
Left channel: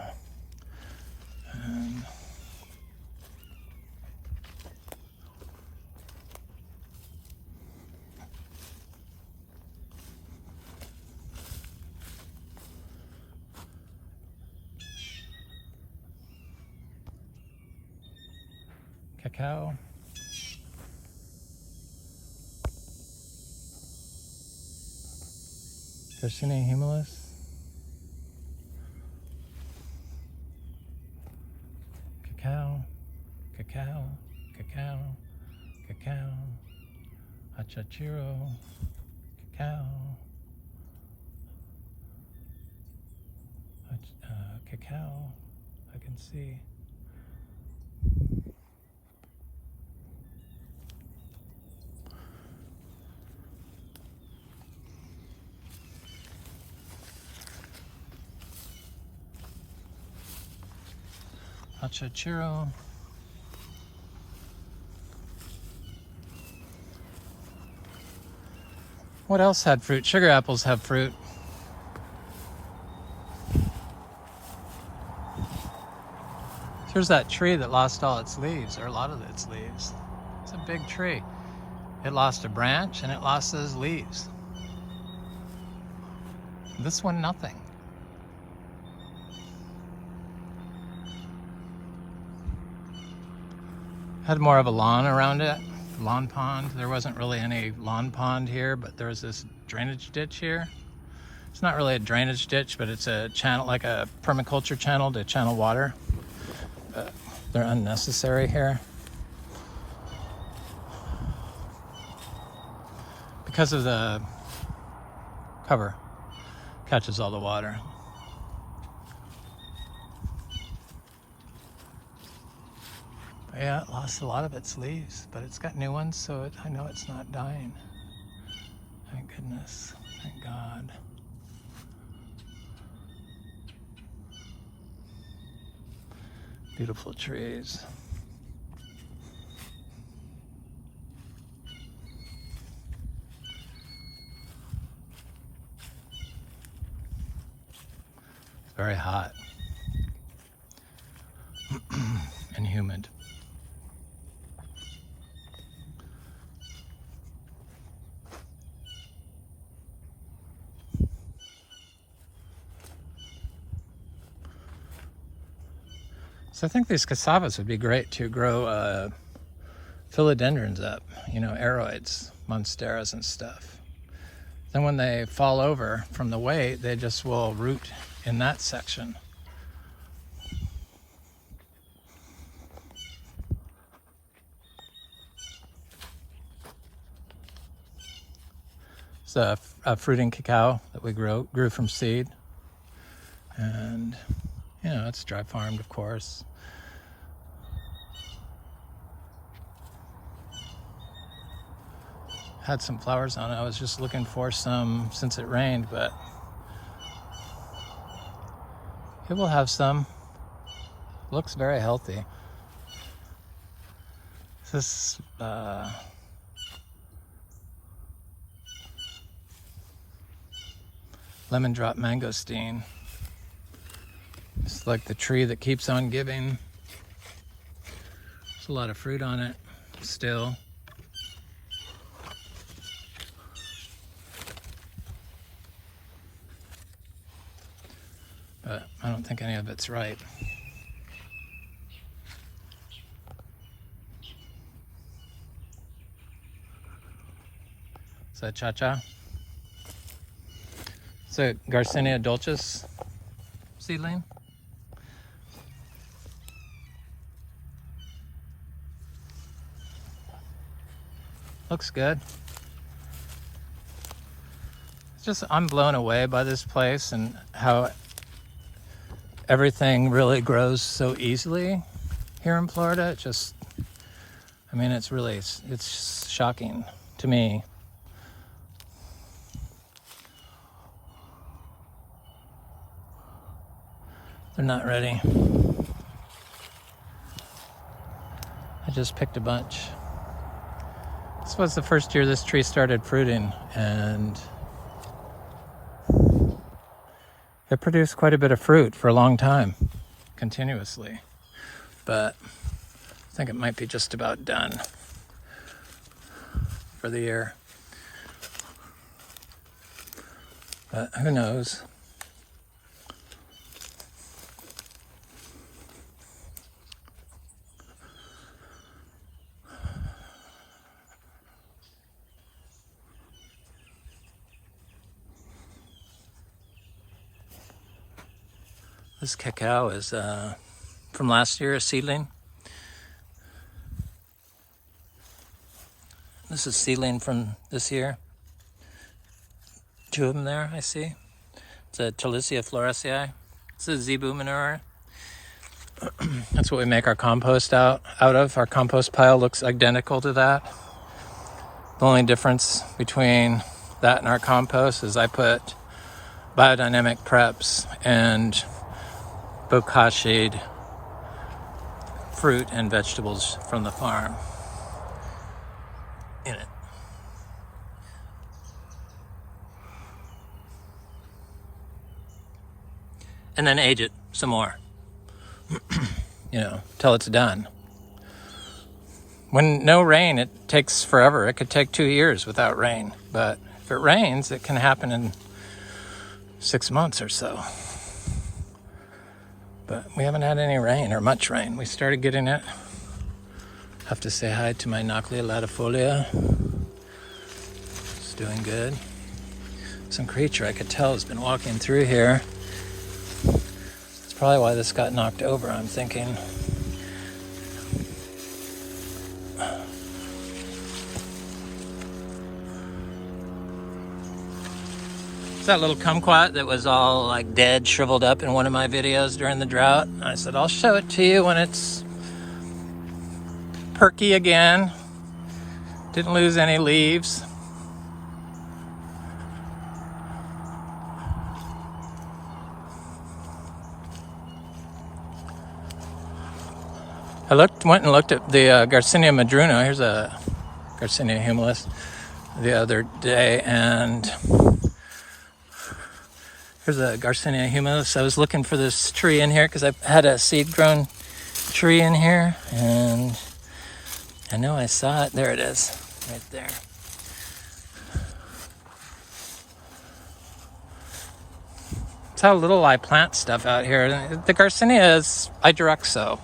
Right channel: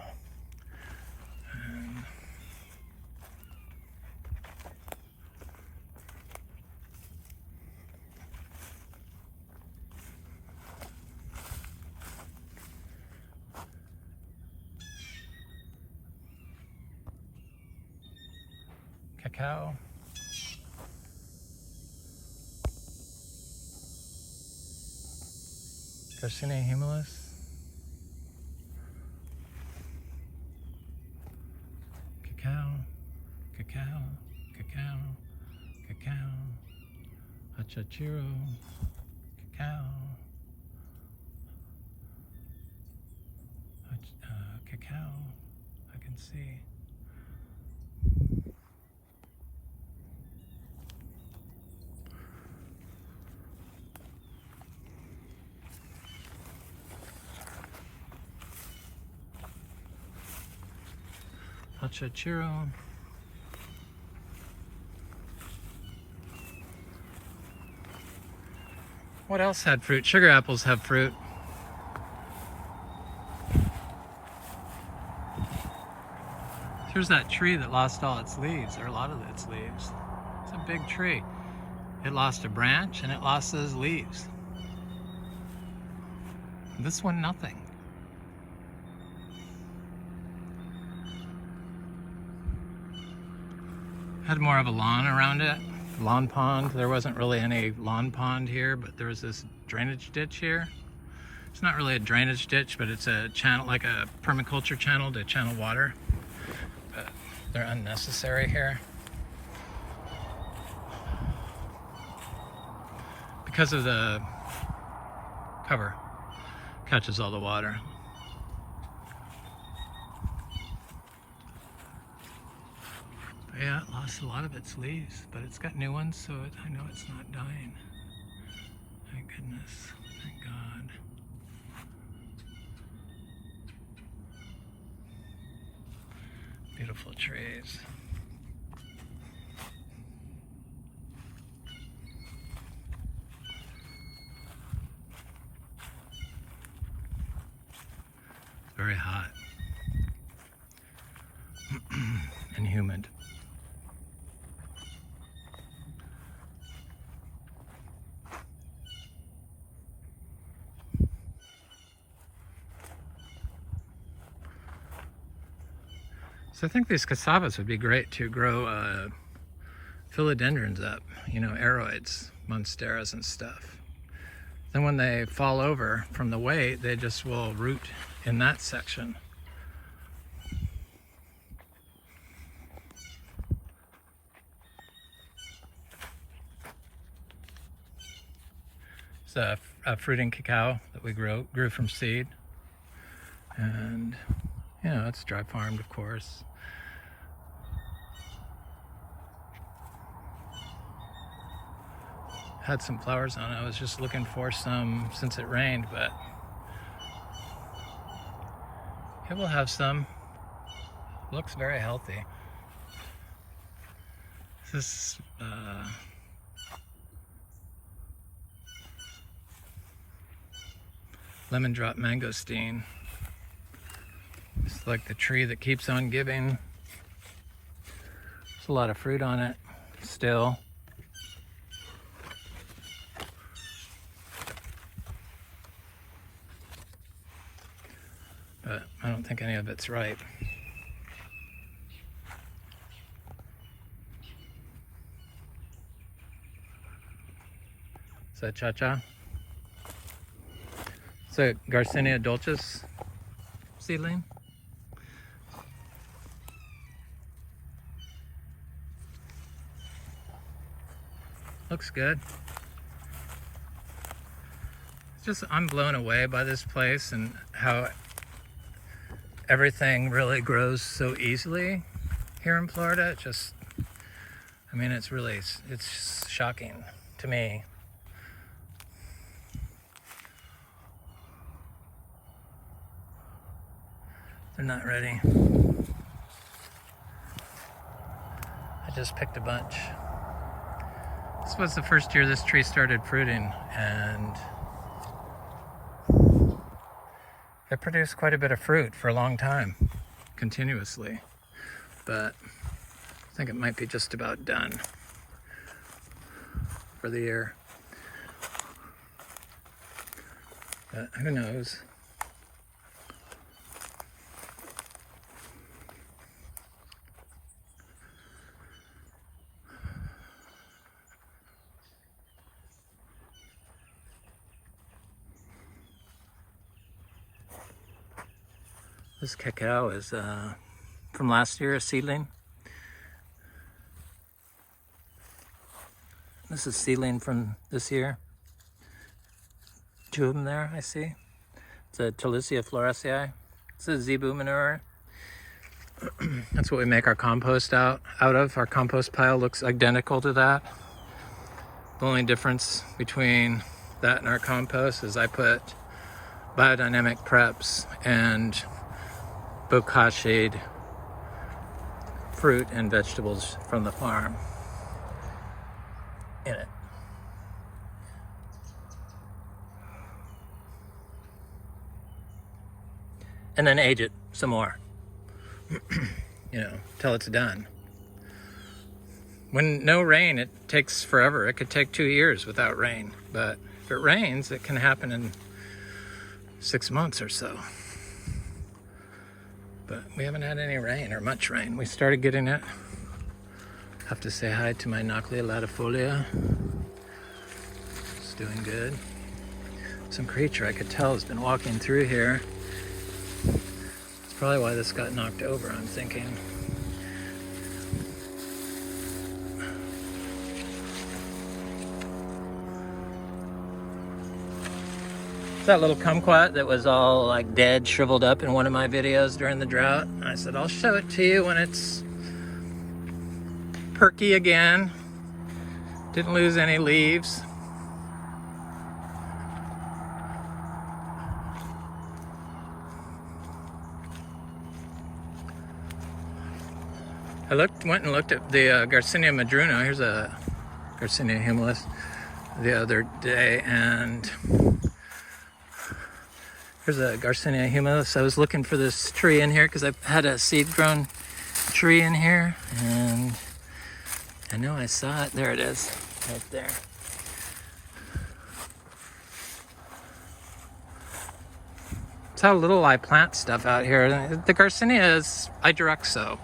And cacao. Garcinia humilis. Cacao, cacao, cacao, cacao, achachiro, cacao, cacao, I can see. Chiro. What else had fruit? Sugar apples have fruit. Here's that tree that lost all its leaves, or a lot of its leaves. It's a big tree. It lost a branch and it lost those leaves. This one, nothing. Had more of a lawn around it, lawn pond. There wasn't really any lawn pond here, but there was this drainage ditch here. It's not really a drainage ditch, but it's a channel, like a permaculture channel to channel water. But they're unnecessary here. Because of the cover, catches all the water. Yeah, it lost a lot of its leaves, but it's got new ones, so I know it's not dying. Thank goodness. Thank God. Beautiful trees. Very hot and humid. So I think these cassavas would be great to grow philodendrons up, you know, aroids, monsteras and stuff. Then when they fall over from the weight, they just will root in that section. It's a fruiting cacao that we grew from seed. And, you know, it's dry farmed, of course. Had some flowers on it. I was just looking for some since it rained, but it will have some. Looks very healthy. This lemon drop mangosteen. It's like the tree that keeps on giving. There's a lot of fruit on it still. But I don't think any of it's ripe. Is that cha-cha? It's a Garcinia dulcis seedling. Looks good. It's just, I'm blown away by this place and how everything really grows so easily here in Florida. It just, I mean, it's really, it's shocking to me. They're not ready. I just picked a bunch. This was the first year this tree started fruiting, and it produced quite a bit of fruit for a long time, continuously. But I think it might be just about done for the year. But who knows? This cacao is from last year, a seedling. This is seedling from this year. 2 of them there, I see. It's a Talicia florescii. It's a Zebu manure. That's what we make our compost out of. Our compost pile looks identical to that. The only difference between that and our compost is I put biodynamic preps and bocaccied fruit and vegetables from the farm in it. And then age it some more, you know, till it's done. When no rain, it takes forever. It could take 2 years without rain, but if it rains, it can happen in 6 months or so. But we haven't had any rain or much rain. We started getting it. Have to say hi to my Noclia latifolia. It's doing good. Some creature I could tell has been walking through here. That's probably why this got knocked over, I'm thinking. It's that little kumquat that was all like dead, shriveled up in one of my videos during the drought. I said, I'll show it to you when it's perky again. Didn't lose any leaves. I went and looked at the Garcinia madruna. Here's a Garcinia humilis the other day, and here's a Garcinia humilis. I was looking for this tree in here because I had a seed-grown tree in here, and I know I saw it. There it is, right there. That's how little I plant stuff out here. The Garcinia is, I direct sow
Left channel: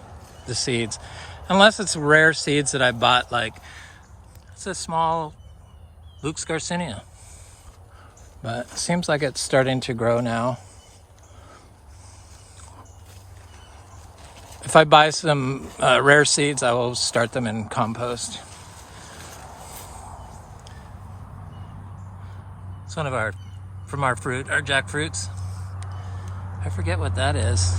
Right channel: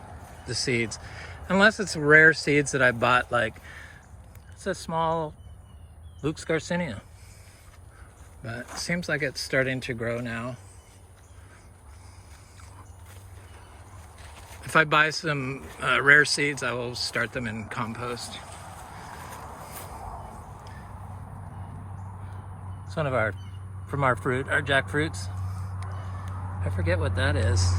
the seeds, unless it's rare seeds that I bought, like it's a small Luke's Garcinia, but it seems like it's starting to grow now. If I buy some rare seeds, I will start them in compost. It's one of our, from our fruit, our jackfruits. I forget what that is.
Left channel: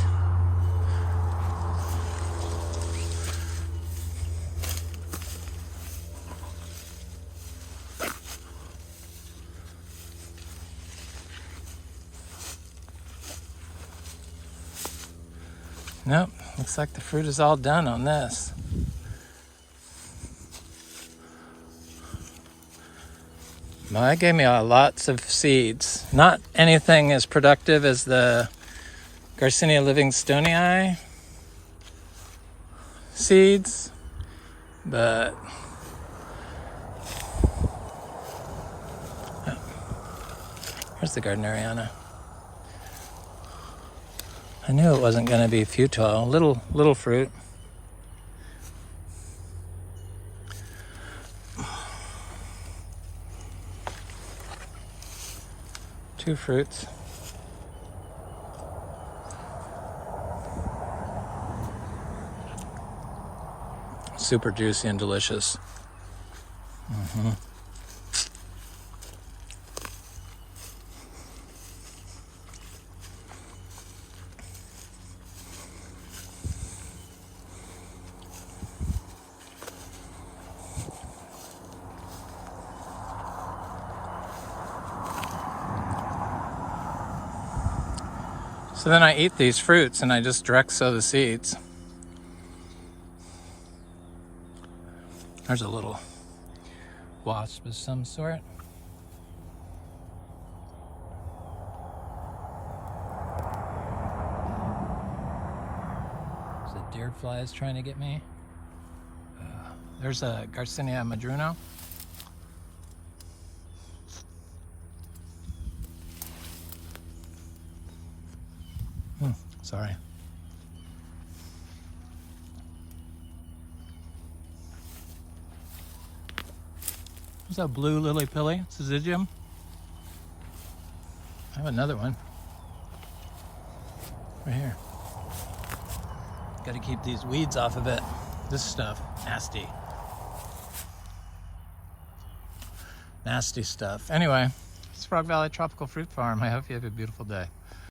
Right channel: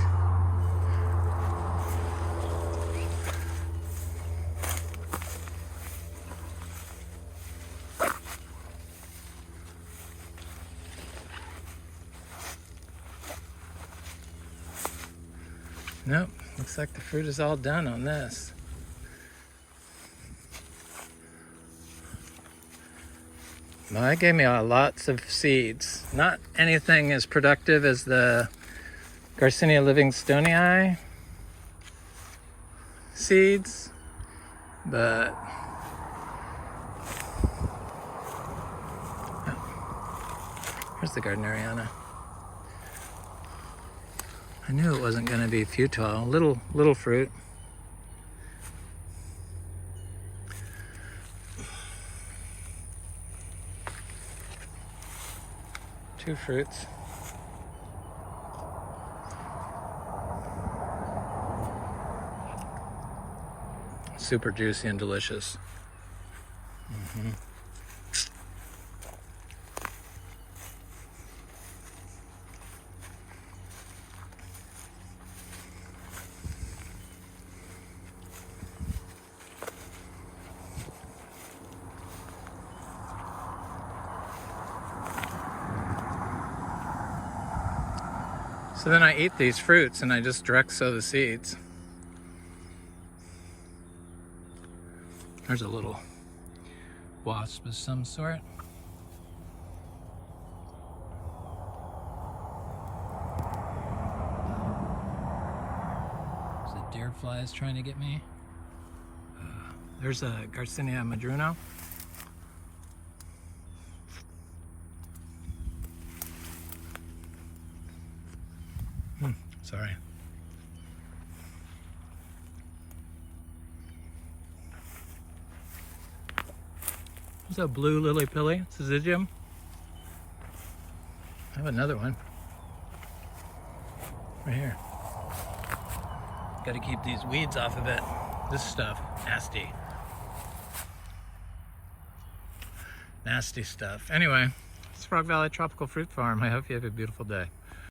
Nope, looks like the fruit is all done on this. Well, that gave me lots of seeds. Not anything as productive as the Garcinia livingstonii seeds, but here's the Gardneriana. I knew it wasn't going to be futile. Little fruit. Two fruits. Super juicy and delicious. Mm-hmm. So then I eat these fruits and I just direct sow the seeds. There's a little wasp of some sort. There's a deer flies trying to get me. There's a Garcinia madruna. Sorry. There's a blue lily pilly, syzygium. I have another one right here. Got to keep these weeds off of it. This stuff, nasty. Nasty stuff. Anyway, it's Frog Valley Tropical Fruit Farm. I hope you have a beautiful day.